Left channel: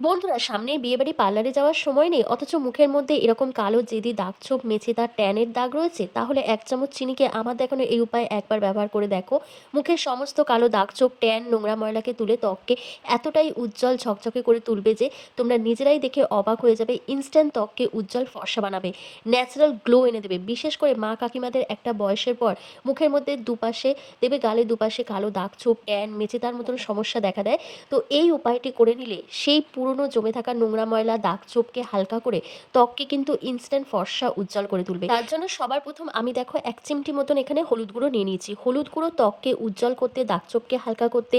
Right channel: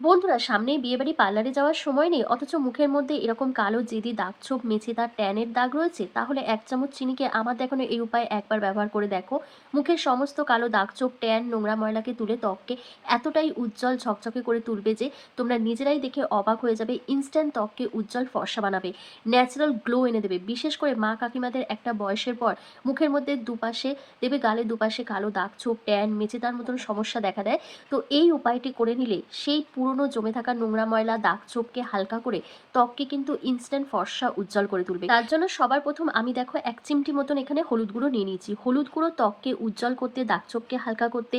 বন্ধুরা, সামনেই বিয়েবাড়ি পার্লারে যাওয়ার সময় নেই, অথচ মুখের মধ্যে এরকম কালো জেদি দাগ-ছোপ, মেছেদার ট্যানের দাগ রয়েছে। তাহলে ১ চামচ চিনিকে আমার দেখানো এই উপায়ে একবার ব্যবহার করে দেখো। মুখের সমস্ত কালো দাগ-ছোপ, ট্যান, নোংরা ময়লাকে তুলে ত্বককে এতটাই উজ্জ্বল ঝকঝকে করে তুলবে যে তোমরা নিজেরাই দেখে অবাক হয়ে যাবে। ইনস্ট্যান্ট ত্বককে উজ্জ্বল ফর্সা বানাবে, ন্যাচারাল গ্লো এনে দেবে। বিশেষ করে মা কাকিমাদের একটা বয়সের পর মুখের মধ্যে দুপাশে দেখবে, গালে দুপাশে কালো দাগ-ছোপ, ট্যান, মেছেদার মতন সমস্যা দেখা দেয়। তো এই উপায়টি করে নিলে সেই পুরনো জমে থাকা নোংরা ময়লা দাগ ছোপকে হালকা করে ত্বককে কিন্তু ইনস্ট্যান্ট ফর্সা উজ্জ্বল করে তুলবে। তার জন্য সবার প্রথম আমি দেখো ১ চিমটি মতন এখানে হলুদ গুঁড়ো নিয়ে নিয়েছি। হলুদ গুঁড়ো ত্বককে উজ্জ্বল করতে, দাগ ছোপকে হালকা করতে,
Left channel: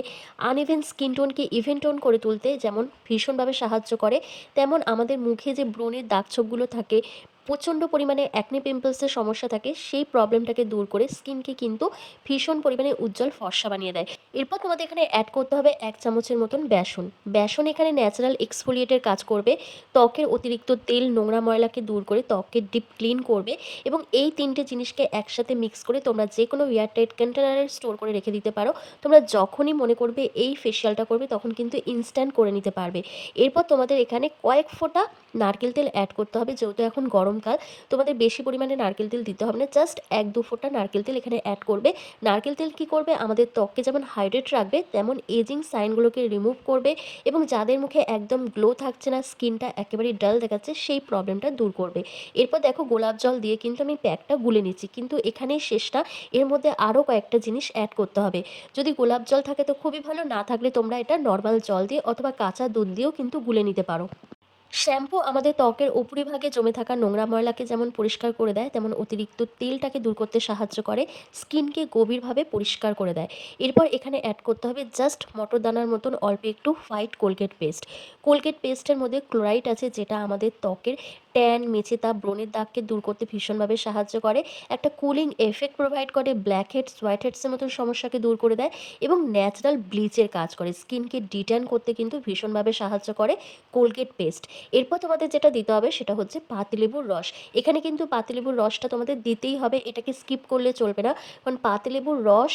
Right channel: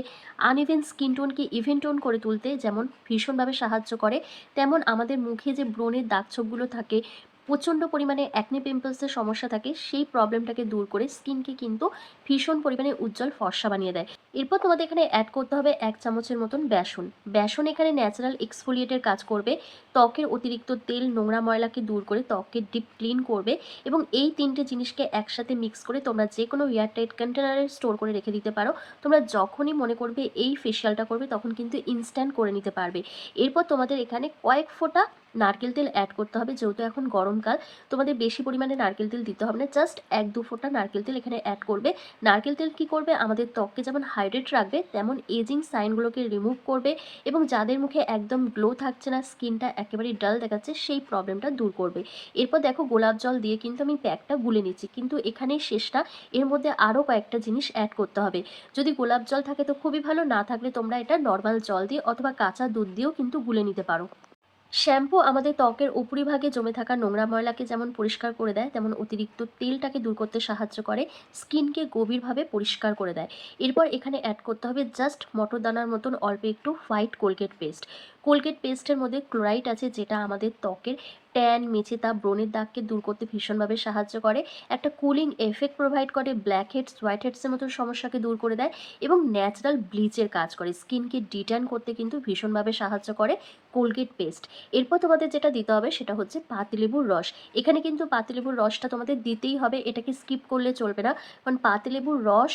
আনইভেন স্কিন টোনকে ইভেন টোন করে তুলতে যেমন ভীষণভাবে সাহায্য করে, তেমন আমাদের মুখে যে ব্রণের দাগ ছোপগুলো থাকে, প্রচণ্ড পরিমাণে অ্যাকনে পিম্পলসের সমস্যা থাকে, সেই প্রবলেমটাকে দূর করে স্কিনকে কিন্তু ভীষণ পরিমাণে উজ্জ্বল ফর্সা বানিয়ে দেয়। এরপর তোমাদের এখানে অ্যাড করতে হবে ১ চামচের মতন বেসন। বেসন এখানে ন্যাচারাল এক্সফোলিয়েটের কাজ করবে। ত্বকের অতিরিক্ত তেল, নোংরা ময়লাকে দূর করে ত্বককে ডিপ ক্লিন করবে এবং এই ৩ টে জিনিসকে একসাথে মিক্স করে তোমরা যেকোনো এয়ারটাইট কন্টেনারে স্টোর করে রেখে দিতে পারো। তোমরা যখনই মনে করবে এই ফেসিয়ালটা করবে, তখন কিন্তু ইনস্ট্যান্ট করে নিতে পারবে। এরপর তোমাদের এখানে কয়েক ফোঁটা নারকেল তেল অ্যাড করতে হবে। যেহেতু এখন গরমকাল, তোমাদের বেশি পরিমাণে নারকেল তেল দিতে হবে না। জাস্ট ১-২ ফোঁটা নারকেল তেল এখানে অ্যাড করবে। নারকেল তেল কি করবে? আমাদের ত্বককে যেমন হাইড্রেট রাখবে, তেমন এজিং সাইনগুলোকে রিমুভ করবে এবং যাদের মুখে একদম গ্লো থাকছে না, স্কিনটা একেবারেই ডাল দেখাচ্ছে, সেই প্রবলেমটা দূর করবে। এরপর দেখো, গোলাপ জল দিয়ে কিন্তু আমি প্যাকটা গুলে নিচ্ছি। কিন্তু এখানেই শেষ না, এর মধ্যে আরও কয়েকটা জিনিস অ্যাড করতে হবে। যদি গোলাপ জল থাকে তো খুবই ভালো, না থাকলে তোমরা এটা নর্মাল জল দিয়ে অথবা কাঁচা দুধ দিয়েও কিন্তু গুলে নিতে পারো। শ্যাম্পু আমাদের ত্বকের উপরিভাগে জমে থাকা নোংরা ময়লাকে যেমন পরিষ্কার করে দেয়, তেমন অতিরিক্ত তেলটাকে দূর করতে সাহায্য করে, স্কিনকে গভীরভাবে পরিষ্কার করে দেয়। এরপর এখানে অ্যাড করতে হবে জাস্ট মটরদানার মতন অল্প একটু হোয়াইট কোলগেট পেস্ট। কোলগেট পেস্টের মধ্যে ক্লোরাইড আছে, যেটা আমাদের ত্বকের ট্যান, মেচেতা, ব্রণের দাগকে দূর করতে ভীষণভাবে সাহায্য করে, একটা কুলিং এফেক্ট প্রোভাইড করে, ব্ল্যাক হেডস, হোয়াইট হেডসের মতন সমস্যাকে দূর করে দেয় এবং ন্যাচারাল ব্লিচের কাজ করে, স্কিনকে ডিট্যান করতে কিন্তু ভীষণভাবে সাহায্য করে কোলগেট পেস্ট। এরপর তোমাদের যেটা দিতে হবে সেটা হচ্ছে পাতিলেবুর রস। এখানে কিন্তু পাতিলেবুর রসটা তোমাদের দিতেই হবে, এটাকে স্কিপ করলে চলবে না। কারণ পাতিলেবুর রস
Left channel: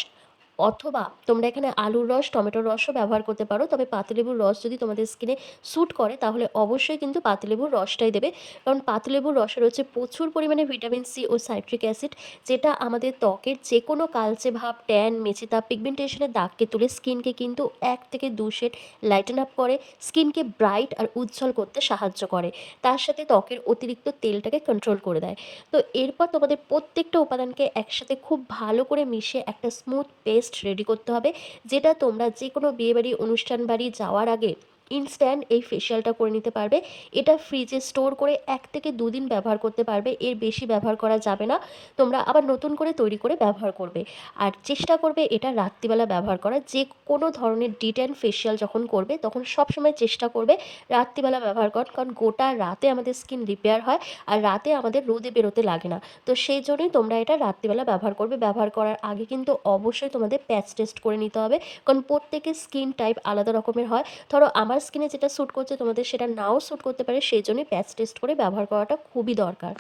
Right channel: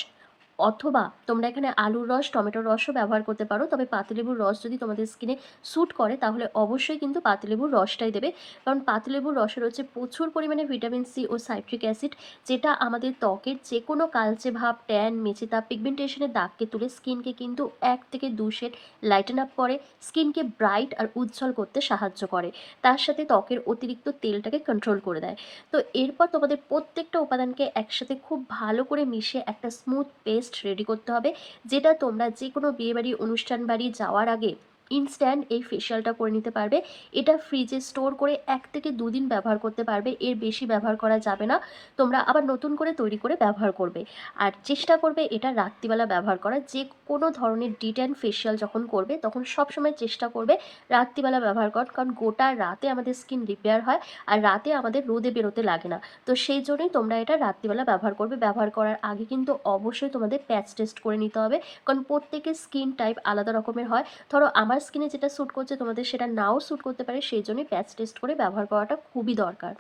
অথবা তোমরা এখানে আলুর রস, টমেটোর রসও ব্যবহার করতে পারো। তবে পাতিলেবুর রস যদি তোমাদের স্কিনে স্যুট করে, তাহলে অবশ্যই কিন্তু পাতিলেবুর রসটাই দেবে। কারণ পাতিলেবুর রসে রয়েছে প্রচুর পরিমাণে ভিটামিন সি ও সাইট্রিক অ্যাসিড, যেটা আমাদের ত্বকের যে কোনো কালচে ভাব, ট্যান, মেচেতা, পিগমেন্টেশনের দাগকে তুলে স্কিনকে কিন্তু ১ থেকে ২ শেড লাইটেন আপ করে, স্কিনকে ব্রাইট আর উজ্জ্বল করতে সাহায্য করে। তার সাথে ত্বকের অতিরিক্ত তেলটাকে কন্ট্রোল করে দেয়। তো এরপর তোমাদের প্রত্যেকটা উপাদানকে একসাথে খুব ভালো করে মিশিয়ে একটা স্মুথ পেস্ট রেডি করতে হবে, যেটা তোমরা যে কোনো বিয়েবাড়ি, অনুষ্ঠান বাড়ি যাওয়ার আগে ইনস্ট্যান্ট এই ফেসিয়ালটা করে নিতে পারবে। এটা ফ্রিজে স্টোর করে ১ থেকে ২ দিন ব্যবহার করতে পারবে, এর বেশি ব্যবহার করা যাবে না। তোমরা আবার নতুন করে তৈরি করে ব্যবহার করবে। আর চেষ্টা করবে এটা রাত্রিবেলা ব্যবহার করার। যে কোনো ধরনের ডিট্যান ফেসিয়াল যখন করবে, তখন সবসময় চেষ্টা করবে রাত্রিবেলা ব্যবহার কর, কারণ গোটা রাতে আমাদের স্কিন রিপেয়ার হয় আর রাতে আমাদের রোদে বেরোতে লাগে না। তো সেই জন্যই তোমরা এটা রাত্রিবেলা ব্যবহার করবে। ব্যবহার করার আগে কিন্তু অবশ্যই তোমাদের প্যাচ টেস্ট করে নিতে হবে, কারণ প্রত্যেকের স্কিন টাইপ আলাদা রকমের হয়। ধরো আমার স্কিনে যেটা স্যুট করছে, তোমাদের সেটা নাও স্যুট করতে পারে, সেই জন্যই প্যাচ টেস্ট করে ব্যবহার করাটা খুবই দরকার।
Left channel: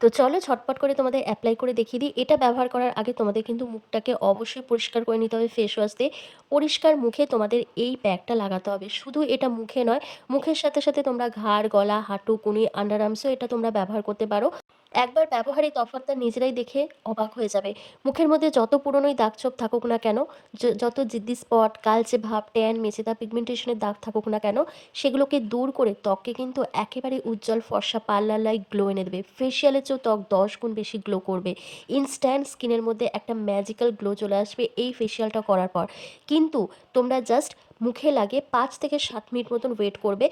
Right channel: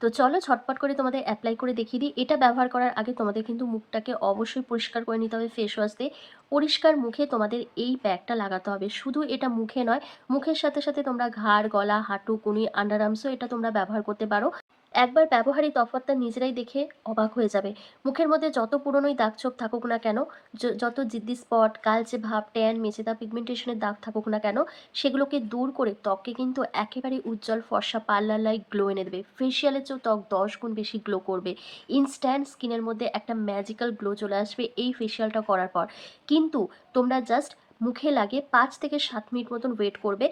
তো চলো ঝটপট করে তোমাদের অ্যাপ্লাই করে দেখিয়ে দিই। এটা ব্যবহার করার আগে তোমাদের কিন্তু মুখটাকে অবশ্যই পরিষ্কার করে নিতে হবে ফেস ওয়াশ দিয়ে। পরিষ্কার মুখে তোমাদের এই প্যাকটা লাগাতে হবে। শুধু এটা মুখে নয়, মুখের সাথে সাথে তোমরা ঘাড়, গলা, হাঁটু, কনুই, আন্ডার আর্মসও এটা তোমরা ব্যবহার করতে পারো। একবার ব্যবহারই তফাৎটা নিজেরাই দেখে অবাক হয়ে যাবে। মুখের মধ্যে যত পুরনোই দাগ-ছোপ থাকুক না কেন, যত জিদ্দি স্পট, কালচে ভাব, ট্যান, মেচেদা, পিগমেন্টেশনের দাগ থাকুক না কেন, সেগুলোকে দূর করে ত্বককে কিন্তু একেবারে উজ্জ্বল ফর্সা পার্লার লাইক গ্লো এনে দেবে। ফেসিয়ালের চেয়েও ত্বক ১০ গুণ বেশি গ্লো করবে। ইনস্ট্যান্ট স্কিনের মধ্যে একটা ম্যাজিক্যাল গ্লো চলে আসবে এই ফেসিয়ালটা করার পর। কিন্তু তোমরা জাস্ট মুখে লাগিয়ে ৫ থেকে ৭ মিনিট মতন ওয়েট করবে।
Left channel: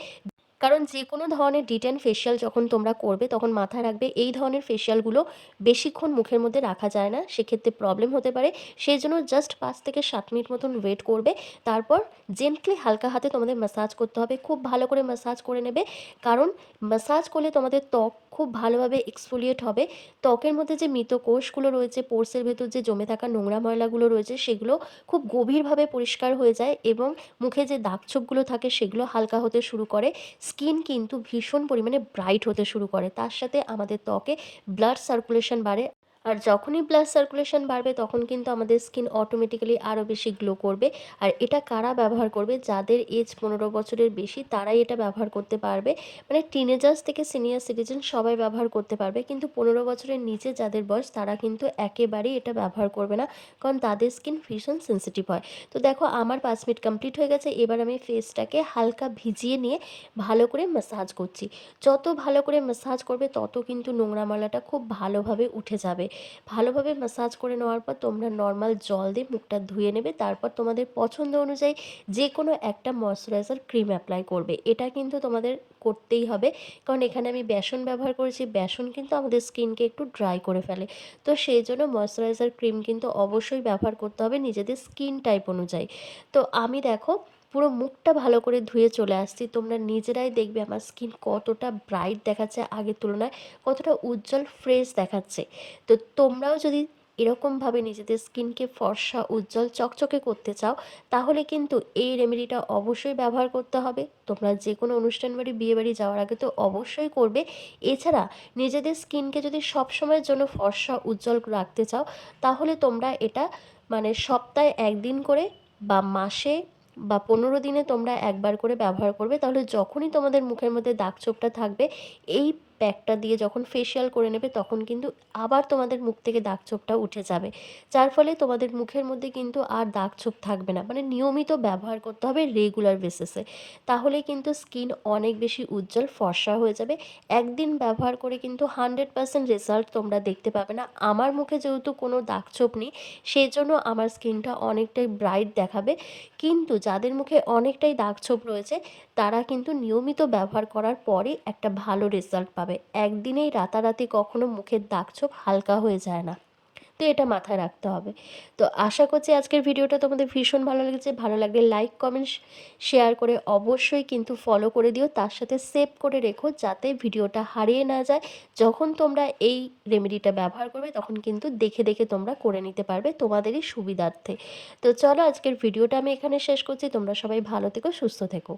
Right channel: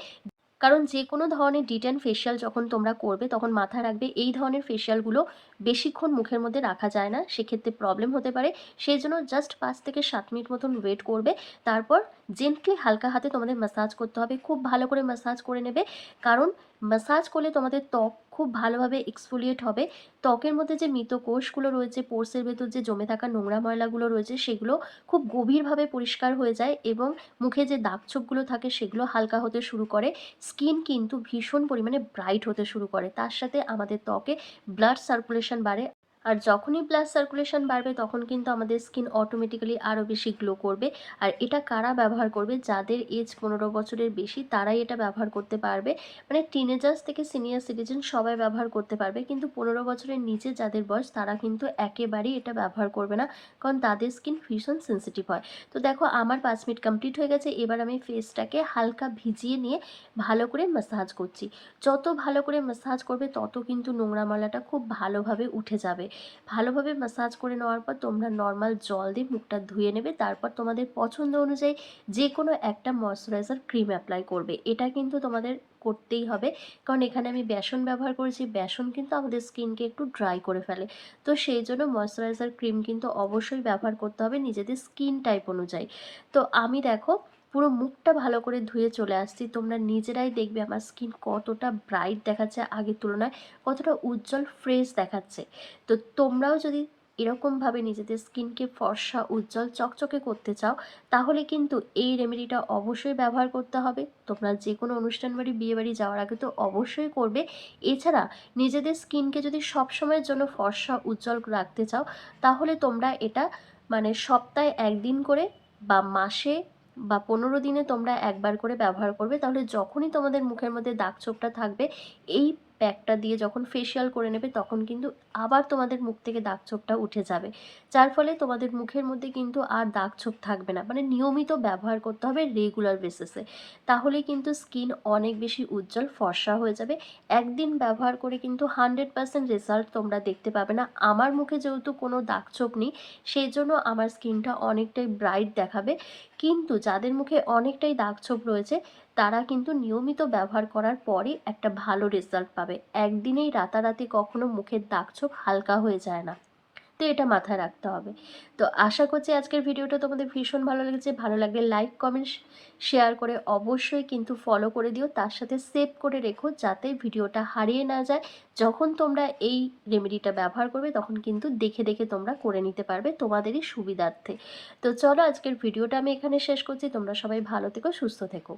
কারণ যে কোনো ধরনের ডিটেন ফেসিয়াল যখন তোমরা করবে, তখন মাথায় রাখবে এই ধরনের ফেসিয়ালগুলো বেশিক্ষণ মুখের মধ্যে রাখা যায় না, সেক্ষেত্রে প্রবলেম হতে পারে। সেই জন্য জাস্ট ৫ থেকে ৭ মিনিট মতন ওয়েট করবে। তারপর জেন্টলি হালকা হাতে তোমাদের ম্যাসাজ করতে হবে, খুব ভালো করে ম্যাসাজ করে নেবে। কারণ ম্যাসাজ করলে তোমাদের ত্বক খুব ভালোভাবে এক্সফোলিয়েট হবে। ত্বকের মধ্যে যে মৃত কোষগুলো রয়েছে, পোর্সের ভেতর যে জমে থাকা নোংরা ময়লাগুলো রয়েছে, সেগুলো খুব গভীরভাবে পরিষ্কার হয়ে যায় এবং মুখে যে দাগছোপগুলো থাকে সেগুলো হালকা হতে শুরু করে। স্কিন কিন্তু ভীষণ পরিমাণে ব্রাইট হতে শুরু করে। তার সাথে আমাদের ত্বকে ব্লাড সার্কুলেশন বাড়ে। আর যখনই ব্লাড সার্কুলেশন বাড়বে তখন কিন্তু আমাদের স্কিন অটোমেটিক্যালি আরও বেশি গ্লো করবে। আর এটা কারা ব্যবহার করবে? যাদের এজ ১৫ বছরের বেশি তারাই এটা ব্যবহার করতে পারবে। মানে টিনেজার্স থেকে সিনিয়র সিটিজেন সবাই ব্যবহার করতে পারবে। কিন্তু ১৫ বছরের নিচে যাদের বয়স তারা কিন্তু একেবারেই এটা ব্যবহার করবে না। কারণ তাদের স্কিন ভীষণ সেনসিটিভ হয়। তো দেখো আমার ৫ মিনিট কমপ্লিট হয়ে গেছে। এবার আমি ফেসটাকে হালকা ভিজিয়ে নিয়ে ভালো করে ম্যাসাজ করছি। যত ভালো করে ম্যাসাজ করবে তত কিন্তু নোংরা ময়লাটা খুব ভালোভাবে উঠে যাবে। ভালোভাবে ম্যাসাজ করে নেওয়ার পর তোমরা নর্মাল জল দিয়ে মুখটা ধুয়ে নেবে। তারপর তোমাদের পছন্দ অনুযায়ী যেকোনো একটা ময়েশ্চারাইজার ক্রিম অ্যাপ্লাই করবে। এটা কিন্তু তোমাদের করতেই হবে। কারণ এখানে আমি বেসন ব্যবহার করেছি। বেসন কিন্তু আমাদের স্কিনকে একটু ড্রাই করে ফেলে। তো সেই জন্য ময়েশ্চারাইজার ক্রিম কিন্তু অবশ্যই ব্যবহার করতে হবে নিজেদের স্কিন টাইপ অনুযায়ী। তো আমি দেখো পুরো মুখটা ভালো করে ধুয়ে চলে আসছি। তোমরা নিজেরাই দেখবে আমার স্কিন কতটা ব্রাইট দেখাচ্ছে আগের তুলনায়, কতটা উজ্জ্বল ফ্রেশ দেখাচ্ছে। তো তোমরাও যদি এরকমভাবে নিজেদের স্কিনকে ফর্সা, উজ্জ্বল, চকচকে করতে চাও, তাহলে কিন্তু এই রেমেডিটা অবশ্যই ব্যবহার করতে হবে। তোমরা যেকোনো অনুষ্ঠান বাড়ি, বিয়েবাড়ি যাওয়ার আগে তো অবশ্যই করবে। এছাড়া নিজেদের স্কিনকে যদি সবসময়ের জন্য ফর্সা, উজ্জ্বল রাখতে চাও, তাহলে তোমরা এটা মানে সপ্তাহে ১ দিন করে বা মাসে বা ১৫ দিনে তোমরা একবার করে ব্যবহার করবে। তাহলে যখনই তোমাদের মুখের মধ্যে দাগ-ছোপটা থাকবে, এই প্যাকটা দিয়ে যখন ফেসিয়াল করে নেবে তখন কিন্তু আবার তোমাদের মুখ থেকে দাগ-ছোপটা উঠে যাবে। যার ফলে তোমাদের মুখের মধ্যে কিন্তু আর দাগ-ছোপ থাকবে না। মানে নিয়মিত ব্যবহার করতে হবে রেগুলার বেসিসে। তাহলেই কিন্তু স্কিন অনেক বেশি উজ্জ্বল, ফর্সা হয়ে যাবে। একদিন ব্যবহার করে কিন্তু 100% রেজাল্ট তোমরা দেখতে পাবে না। আমার মুখে যেহেতু কোনো দাগ-ছোপ নেই, সেজন্য আমার স্কিনটা অনেকটাই ব্রাইট দেখাবে। কিন্তু যাদের মুখে অনেকটাই দাগ-ছোপ রয়েছে, তারা কিন্তু নিয়মিত ব্যবহার করার পরে একটা ভালো রেজাল্ট পাবে। একদিনেই রাতারাতি কখনো মুখের দাগ-ছোপ হালকা হয়ে যায় না। তো এটা মাথায় রাখতে হবে। তো আশা করছি আজকের ভিডিওটা তোমাদের ভীষণ ভালো লেগেছে। ভালো লাগলে লাইক, কমেন্ট, শেয়ার করে অবশ্যই কিন্তু ফলো করে দিও। তার সাথে সেভ করে রেখো যাতে ভিডিওটা হারিয়ে না যায়। যখন তোমরা এই রেমেডিটা ব্যবহার করবে তখন কিন্তু দেখে, দেখে তোমরা করে নিতে পারবে তোমাদেরই সুবিধার্থে। তো চলো আজকের ভিডিওটা আমি এখানে শেষ করছি। তোমরা সবাই ভালো থেকো, সুস্থ থেকো।